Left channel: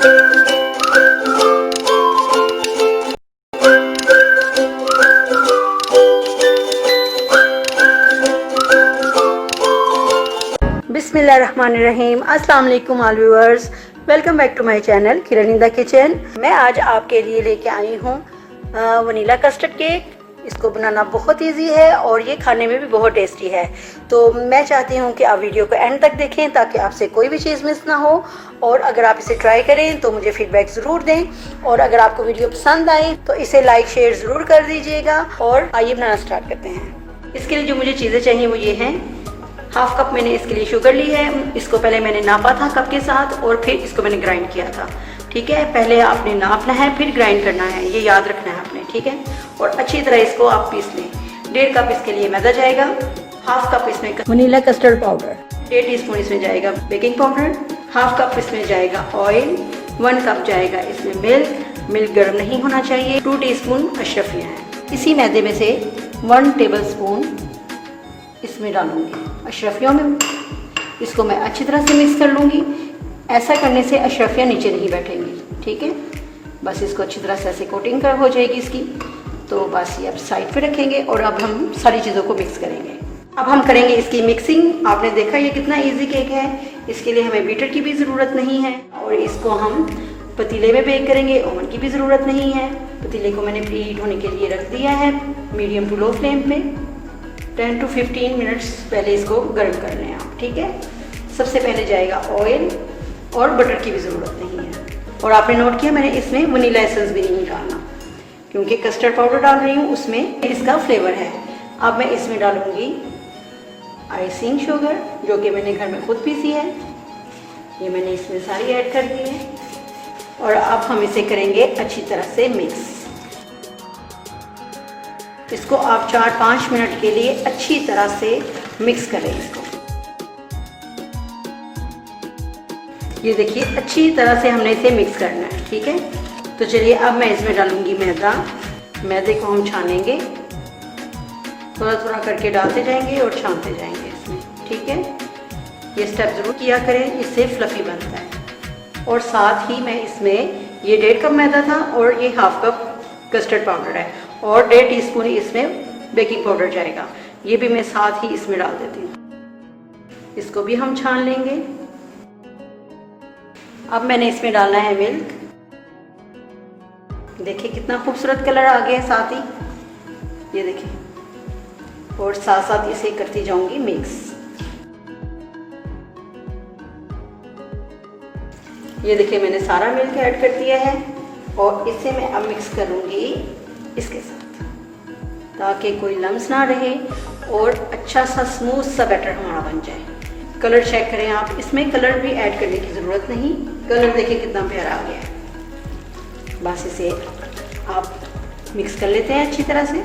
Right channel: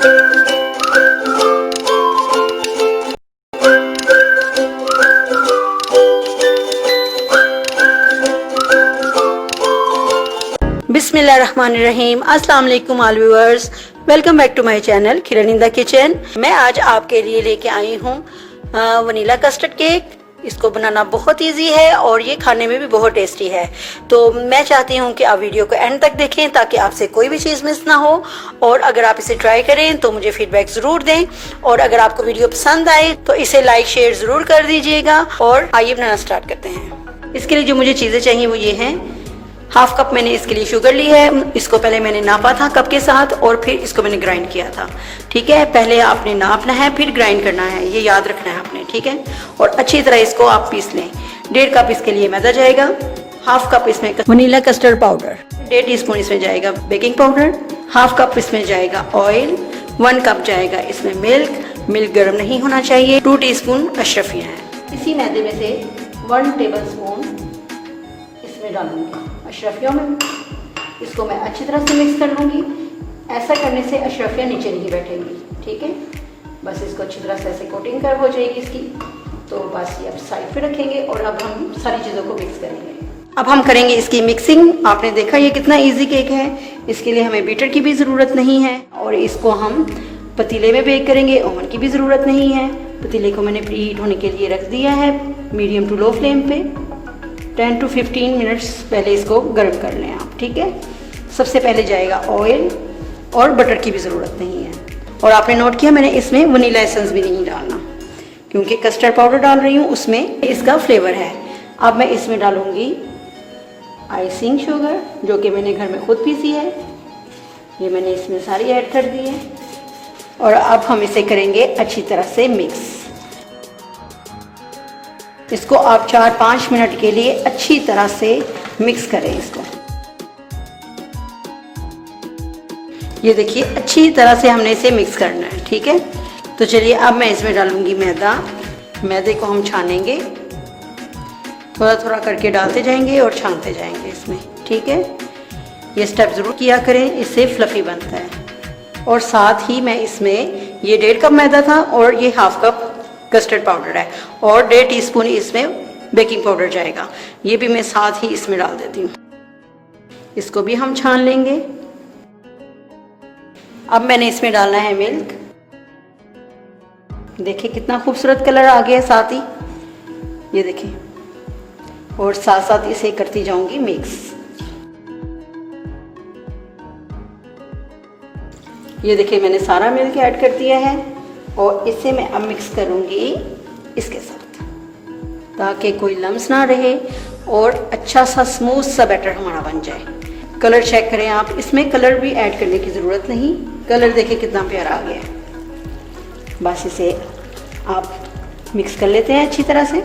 बिस्मिल्लाहिर्रहमानिर्रहीम। अस्सलाम वालेकुम all viewers, welcome back to my channel Kiran in the kitchen. मैं आज आपके लिए लेके आई हूँ वनीला कस्टर्ड केक। इसको बनाना बहुत इजी है और ये खाने में भी बहुत टेस्टी है। तो मैं चाहती हूँ कि आप वीडियो को एंड तक देखें ताकि आपसे कोई भी चीज़ मिस ना हो। और अगर आप इसे ट्राई करें तो मुझे फीडबैक ज़रूर दें। और अगर आपको वीडियो पसंद आए तो इसे लाइक शेयर ज़रूर कर दीजिएगा। और आइए बनाना स्टार्ट करते हैं। इसके लिए जो मुझे चीज़ें चाहिए वो ये हैं। हाफ कप मैंने इसके लिए शुगर ली है। इसको पहले मैंने नापा था कप के साथ और फिर इसको मैंने ग्राइंड किया था। ठीक है, पहले आपने नापना है फिर ग्राइंड करना है, ये याद रखना है आपने। ठीक है, और अच्छी तरह इसको आप पीस लें। 1.5 कप इसके लिए मैदा जाएगा। हाफ कप इसमें वनीला कस्टर्ड पाउडर, 1.5 टीस्पून इसमें जाएगा बेकिंग पाउडर, हाफ कप इसमें जाएगा ऑयल, 1 कप जाएगा इसमें मिल्क गर्म नहीं होना चाहिए, 2 टीस्पून अशरफियाँ है। इसी मैदे में से 1 टेबलस्पून इसमें डालूंगी अशरफियों में। इसको मैं अच्छी तरह से मिक्स कर लूँगी। ऐसा करने से अशरफियाँ नीचे नहीं बैठेंगी। ठीक है, बस इसको अच्छी तरह से ऐसे कोटिंग कर हो जाएगी इसकी। तो बस ये अब साइड पे रखेंगे और अब हम सारी चीज़ों को मिक्स करेंगे। अब हम करेंगे इसकी मिक्सिंग। आपने देखा ये कितना इजी केक है। इसके लिए हमें बीटर की भी ज़रूरत नहीं है और इसको हम पतीले में बेक करेंगे, ओवन की भी ज़रूरत नहीं है। पतीले को मैंने प्री हीट होने के लिए रख दिया है मीडियम टू लो फ्लेम पे। 10 to 15 मिनट्स पहले इसको गर्म कर लें आप। ठीक है, सबसे पहले जाएगा ऑयल और बटर की भी ज़रूरत नहीं है। और आपने नोट किया मैंने इसमें वनीला एसेंस भी नहीं डालना क्योंकि कस्टर्ड पाउडर डाल रही हूँ, उसमें इसका फ्लेवर है। अब मैं इसमें डालूँगी आइसिंग शुगर जो कि मैंने घर में खुद पीसी है। ये मैंने इसमें सारी ऐड कर दी है और अब हम इसे करेंगे अच्छी तरह से मिक्स। इसको आप 4-5 मिनट के लिए अच्छी तरह से मिक्स करें इसको। ये देखिए अच्छी तरह से हमने इसे मिक्स करना है। ठीक है, तो चलिए अब मैं इसमें डालूंगी मैदा। मैदे को हम छानेंगे, थोड़ा थोड़ा करके डालते जाएंगे और छानते जाएंगे इसमें। ठीक है, ये स्टेप ज़रूर किया करें, इससे फ्लफी बनता है। और साथ ही मैं इसमें ये 1.5 कप मैदा था और ये हाफ कप कस्टर्ड पाउडर है और 1.5 टीस्पून इसमें बेकिंग पाउडर जाएगा। ये भी मैं साथ ही इसमें डाल देती हूँ। इसको भी हम छान लेंगे। अब मैंने इसमें डालना है मिल्क। देखिए कितना खूबसूरत कलर आ गया है साथ ही, ये देखिए। और साथ साथ इसे करती जाऊंगी मिक्स। ये देखिए मैंने सारा मिल्क ऐड कर दिया है और इसे मैं अब मिक्स करूंगी इसके साथ ताकि कोई लम्स ना रहे और अच्छा सा स्मूथ सा बैटर हमारा बन जाए। कलर चेक करें आप, इसमें कलर भी ऐड करने की ज़रूरत नहीं। कलर देखिए कितना प्यारा आ गया है। बस इसे आप मिक्स कर लेते हैं अच्छी तरह से।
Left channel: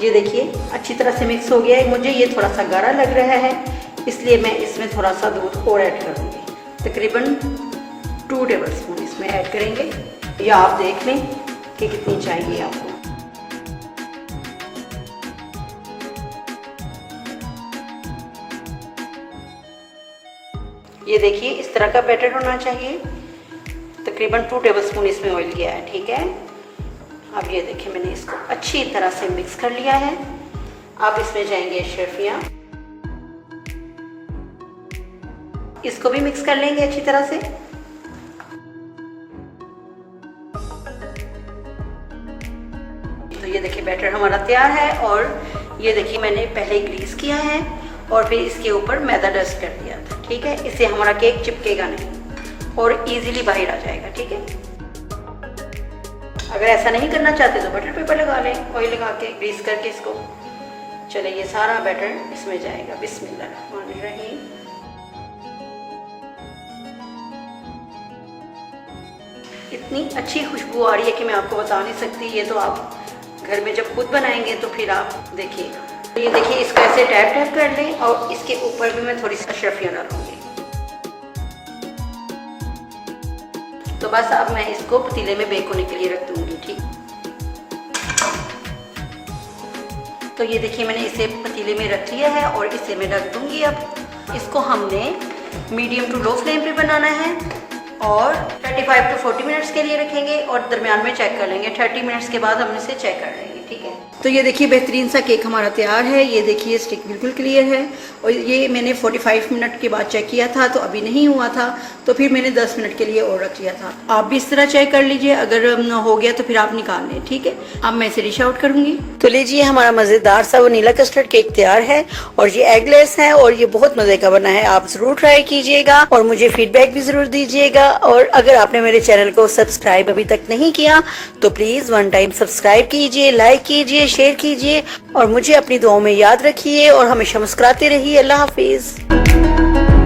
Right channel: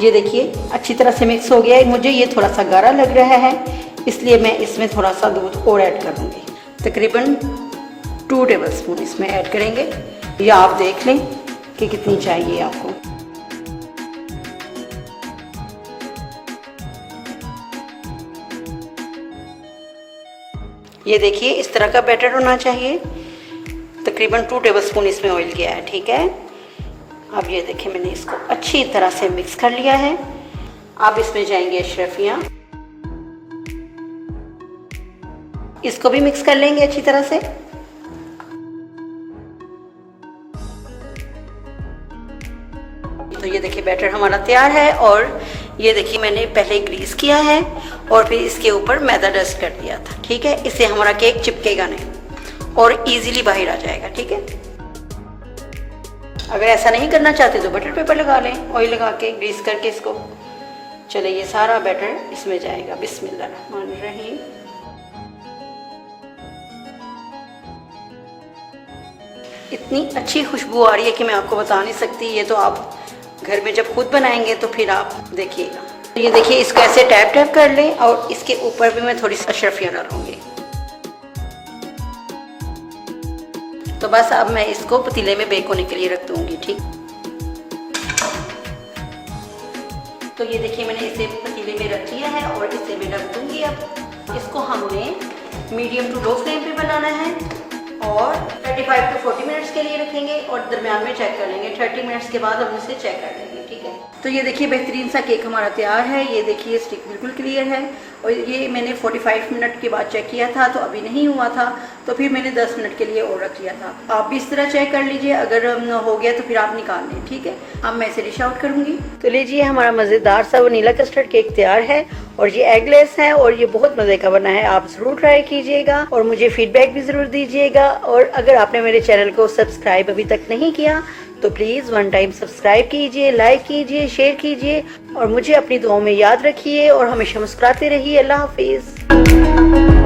ये देखिए अच्छी तरह से मिक्स हो गया है। मुझे ये थोड़ा सा गाढ़ा लग रहा है इसलिए मैं इसमें थोड़ा सा दूध और ऐड कर दूंगी। तकरीबन 2 टेबलस्पून इसमें ऐड करेंगे, या आप देख लें कि कितनी चाहिए आपको। ये देखिए इस तरह का बैटर होना चाहिए। तकरीबन 2 टेबलस्पून इसमें ऑयल किया है। ठीक है, अब ये देखिए मैंने इसको अच्छी तरह से मिक्स कर लिया है। अब इसमें जाएंगे अशरफियाँ, इसको भी मिक्स कर लेंगे अच्छी तरह से। तो ये देखिए बैटर हमारा तैयार है और ये देखिए मैंने पहले ग्रीस किया है और फिर इसके ऊपर मैदा डस्ट कर दिया था। ठीक है, इससे हमारा केक चिपकेगा नहीं और इजीली बाहर आ जाएगा। ठीक है, अगर ऐसा नहीं करना चाहते तो बटर पेपर लगा लें, ऑयल लगा के ग्रीस करके इसको। चले ये सारा बैटर इसमें जाएगा। बिस्मिल्लाहिर्रहमानिर्रहीम। इतनी अच्छी खुशबू आ रही है कि मैं आपको बता नहीं सकती। ये तो आप घर में जब खुद बनाएंगे तो फिर आप देखिएगा। ये देखिए इसको ऐसे टैप टैप कर लें और इसके ऊपर भी मैं थोड़ी सी अशरफियाँ डालूंगी। तो बस अब मैं इसको पतीले में बेक होने के लिए रख दूंगी। ठीक, तो ये देखिए मैंने इसे पतीले में रख लिया है और इसे मैं रख दूंगी। अब इसको हमने मीडियम टू लो फ्लेम पे बनाना है और 35 टू 40 मिनट्स के लिए रखेंगे और दरमियान में चेक कर लेंगे। 30 मिनट्स के बाद हम इसे चेक कर लेंगे, ठीक है। तो ये देखिए बेहतरीन सा केक हमारा तैयार है। ये देखिए स्टिक बिल्कुल क्लियर है और ये मैंने 45 मिनट के बाद चेक किया था तो अभी नहीं हुआ था, तो फिर मैंने 10 मिनट के लिए और रख लिया था। आप भी इस तरह चेक कर लीजिए, अगर हो गया तो फिर आप निकाल लें, ठीक है। अब मैं इसे डिश आउट करूंगी। तो लीजिए हमारा मज़ेदार सा वनीला कस्टर्ड केक तैयार है और ये एगलेस है और ये बहुत मजे का बना है। आप जरूर ट्राई कीजिएगा और मुझे फीडबैक भी जरूर दीजिएगा। और अगर आपने मेरे चैनल को सब्सक्राइब अभी तक नहीं किया तो प्लीज वन टाइम सब्सक्राइब कीजिए, लाइक कीजिए, शेयर कीजिए और मुझे अपनी दुआओं में याद रखिए और हमेशा मुस्कुराते रहिए। अल्लाह हाफिज।